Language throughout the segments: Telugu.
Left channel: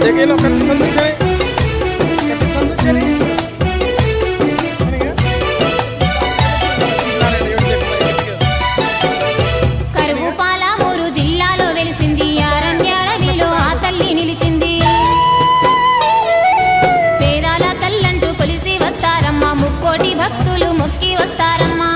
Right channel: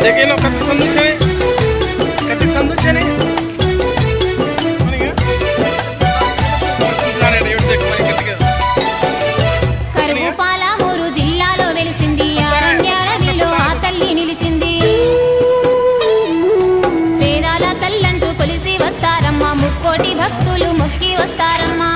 देखिए लोग कति संदूक है కరువు పాలమూరు జిల్లాలో వెలిసింది అరణ్యాడవిలో ఆ తల్లి నిలిచింది వేదాల తల్లంటూ కొలిసి వస్తారమ్మా ముక్కోటి భక్తులు మొక్కి వస్తారమ్మా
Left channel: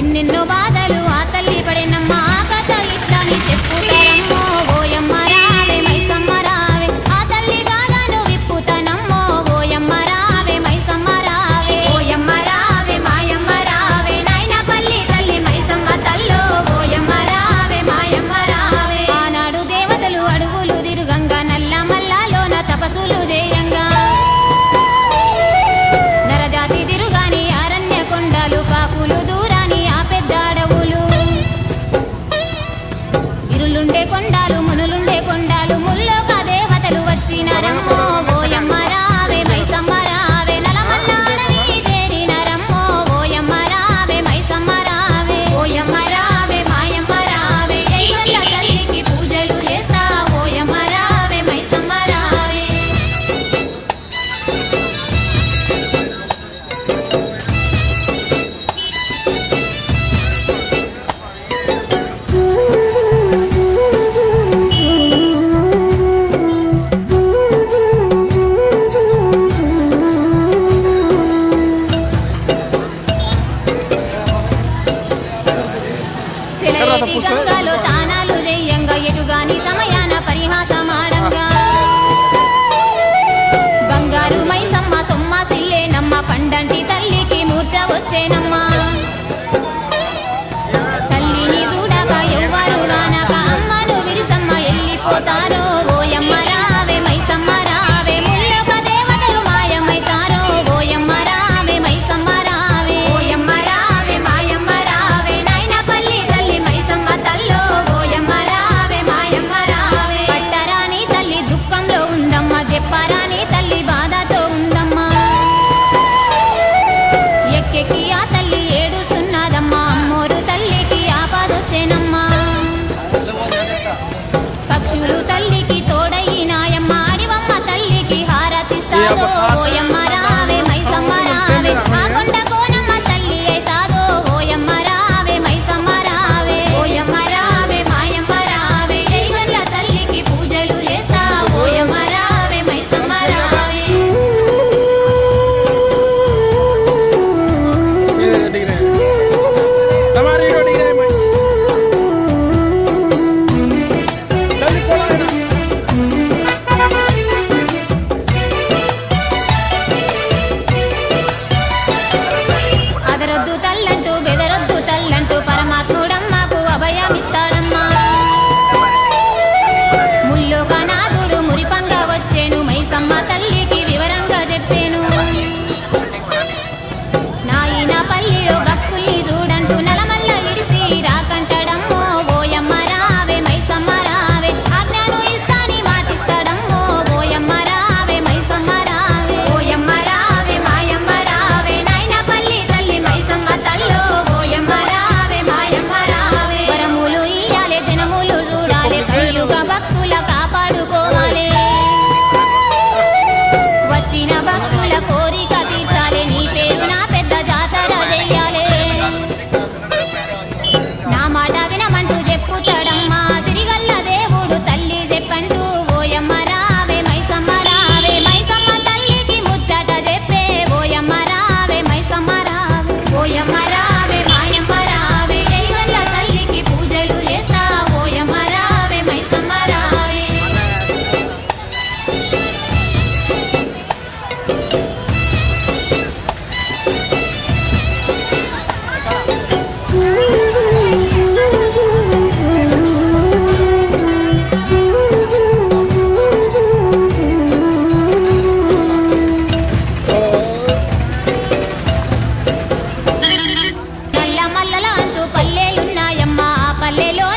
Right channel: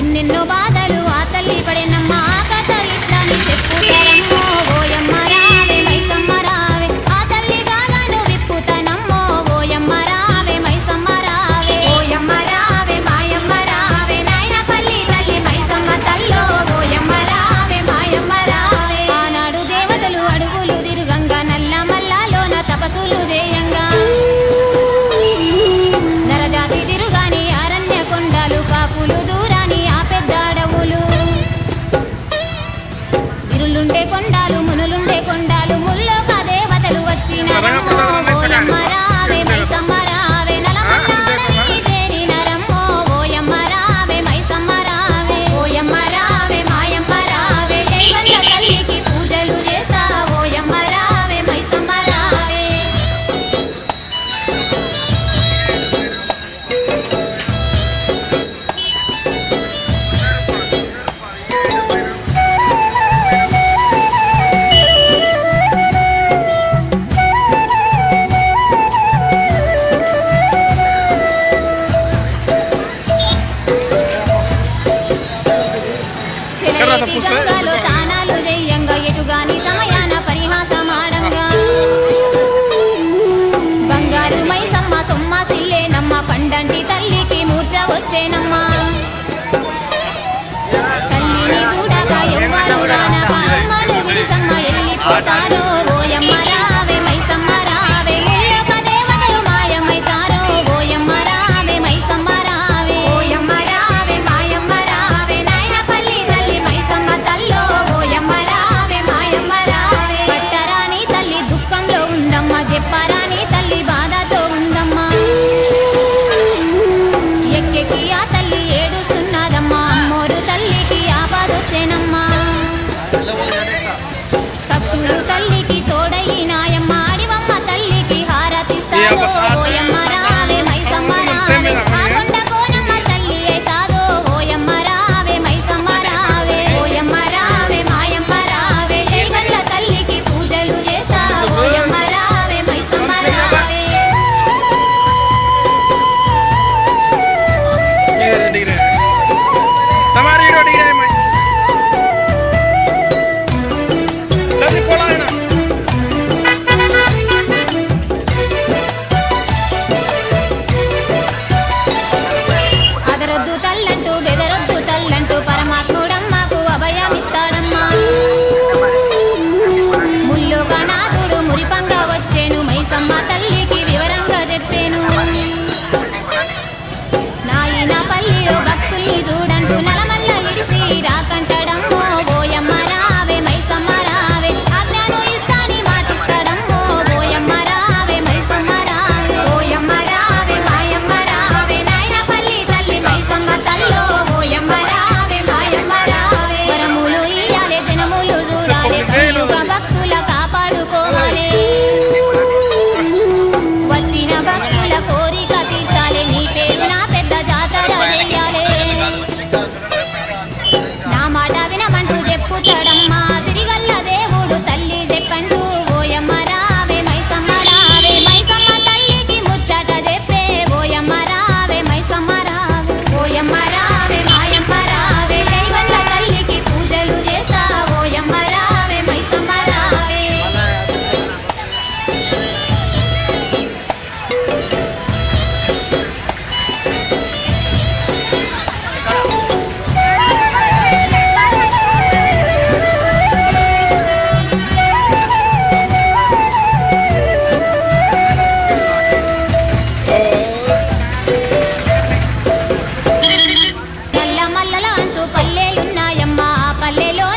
ఎన్నెన్నో బాధలు ఆ తల్లి పడేనమ్మా ఆ కథ ఇట్లాని చెప్పుతారమ్మో ఓయమ్మ రావే మైసమ్మ రావే ఆ తల్లి గాథను విప్పుతానమ్మో ఓయమ్మ రావే మైసమ్మ రావే ఓయమ్మ రావే మాయమ్మ రావే నాయనపల్లి తల్లి మైసమ్మ తల్లో ఓయమ్మ రావే మాయమ్మ రావే ఆనాడు దేవతలు అడుగులు తిరుగంగా నల్ల మల్లాలోన తపస్సులు చేయంగా నరజాతి తిరుగాని అరణ్య కొండలు కాకులు దూరాని ఆ పెద్ద అడవులు ఇరులుండే కొండాలు మునులుండే కొండాలు ముల్లోక దేవతలు వచ్చినారమ్మో ఓయమ్మ రావే మైసమ్మ రావే నలమల్ల అడవి చేరినారమ్మో ఓయమ్మ రావే మైసమ్మ రావే ఓయమ్మ రావే మాయమ్మ రావే దేవత తల్లికి పూజలు చేస్తా ఓయమ్మ రావే మైసమ్మ రావే చెలయేటి గంగలో తానాలు జయ్యంగా ఎటుగాని సమయాన పరిహాసమాడంగా బంగారు మైసమ్మ సొమ్మ సిల్లేనమ్మ పండంటి తల్లికి మూర్ఛ వచ్చేనమ్మా తల్లిని చూడాక ఎవ్వరు గానక అమ్మను విడిసమ్మ వెళ్ళిపోతారో ఓయమ్మ రావే మైసమ్మ రావే ముల్లోక దేవతలు మాయమైతారో ఓయమ్మ రావే మైసమ్మ రావే ఓయమ్మ రావే మాయమ్మ రావే నాయనపల్లి తల్లి మైసమ్మ తల్లో ఓయమ్మ రావే మాయమ్మ రావే పట్టరాని తల్లి దుఃఖంలో ఉందమ్మా చెప్పరాని తల్లి బాధతో ఉందమ్మా ఎక్కెక్కి ఆ తల్లి ఏడుస్తున్నదమ్మా అమ్మోరు తల్లికి ఆపదొచ్చేనమ్మా పక్షులు తల్లికి తోడయినాయమ్మ అడివమ్మ తల్లికి హారతిస్తాదో ఓయమ్మ రావే మైసమ్మ రావే ఆ కొండ కోనమ్మ తల్లి అయితాదో ఓయమ్మ రావే మైసమ్మ రావే ఓయమ్మ రావే మాయమ్మ రావే దేవత తల్లికి పూజలు చేస్తా ఓయమ్మ రావే మైసమ్మ రావే हमारी रोटी है मैं तभी बोला है ना అదరొద్దు తల్లంటూ బెదరొద్దు తల్లంటూ పరమాత్ముడమ్మకు అభయమిస్తాడమ్మా ముల్లోక నాథుడు మురిపంగా వచ్చేను మైసమ్మ తల్లికి వివరంగా చెప్పేను నాయన పల్లిలో భక్తుల్ని చూడంటూ నలమల్ల ఇడిసి రాకంటాడమ్మో ఓయమ్మ రావే మైసమ్మ రావే ఆజ్ఞాను ఇస్తాని మాటిస్తాడమ్మో ఓయమ్మ రావే మైసమ్మ రావే ఓయమ్మ రావే మాయమ్మ రావే నాయనపల్లి తల్లి మైసమ్మ తల్లో ఓయమ్మ రావే మాయమ్మ రావే వరములు ఇయ్యాలే జనములు చూడాలే కలియుగ భక్తుల కాపాడుకోవాలే వచ్చిన భక్తుల కోరిక తీర్చాలే నీ పేరు నా పెద్ద జాతర చెయ్యాలే నా మాట వినమంటూ చెప్పుతాడమ్మా సిరిగల్ల దేవుడు తల్లి చెప్పంటూ ఓయమ్మ రావే మైసమ్మ రావే మైసమ్మ తల్లికి ముచ్చట చెప్పే ఓయమ్మ రావే మైసమ్మ రావే ఓయమ్మ రావే మాయమ్మ రావే సిరిగల్ల తల్లికి పూజలు చేస్తా ఓయమ్మ రావే మైసమ్మ రావే నల్ల మల్లల అంచు పల్లెలున్నాయమ్మా ఆ పల్లెలో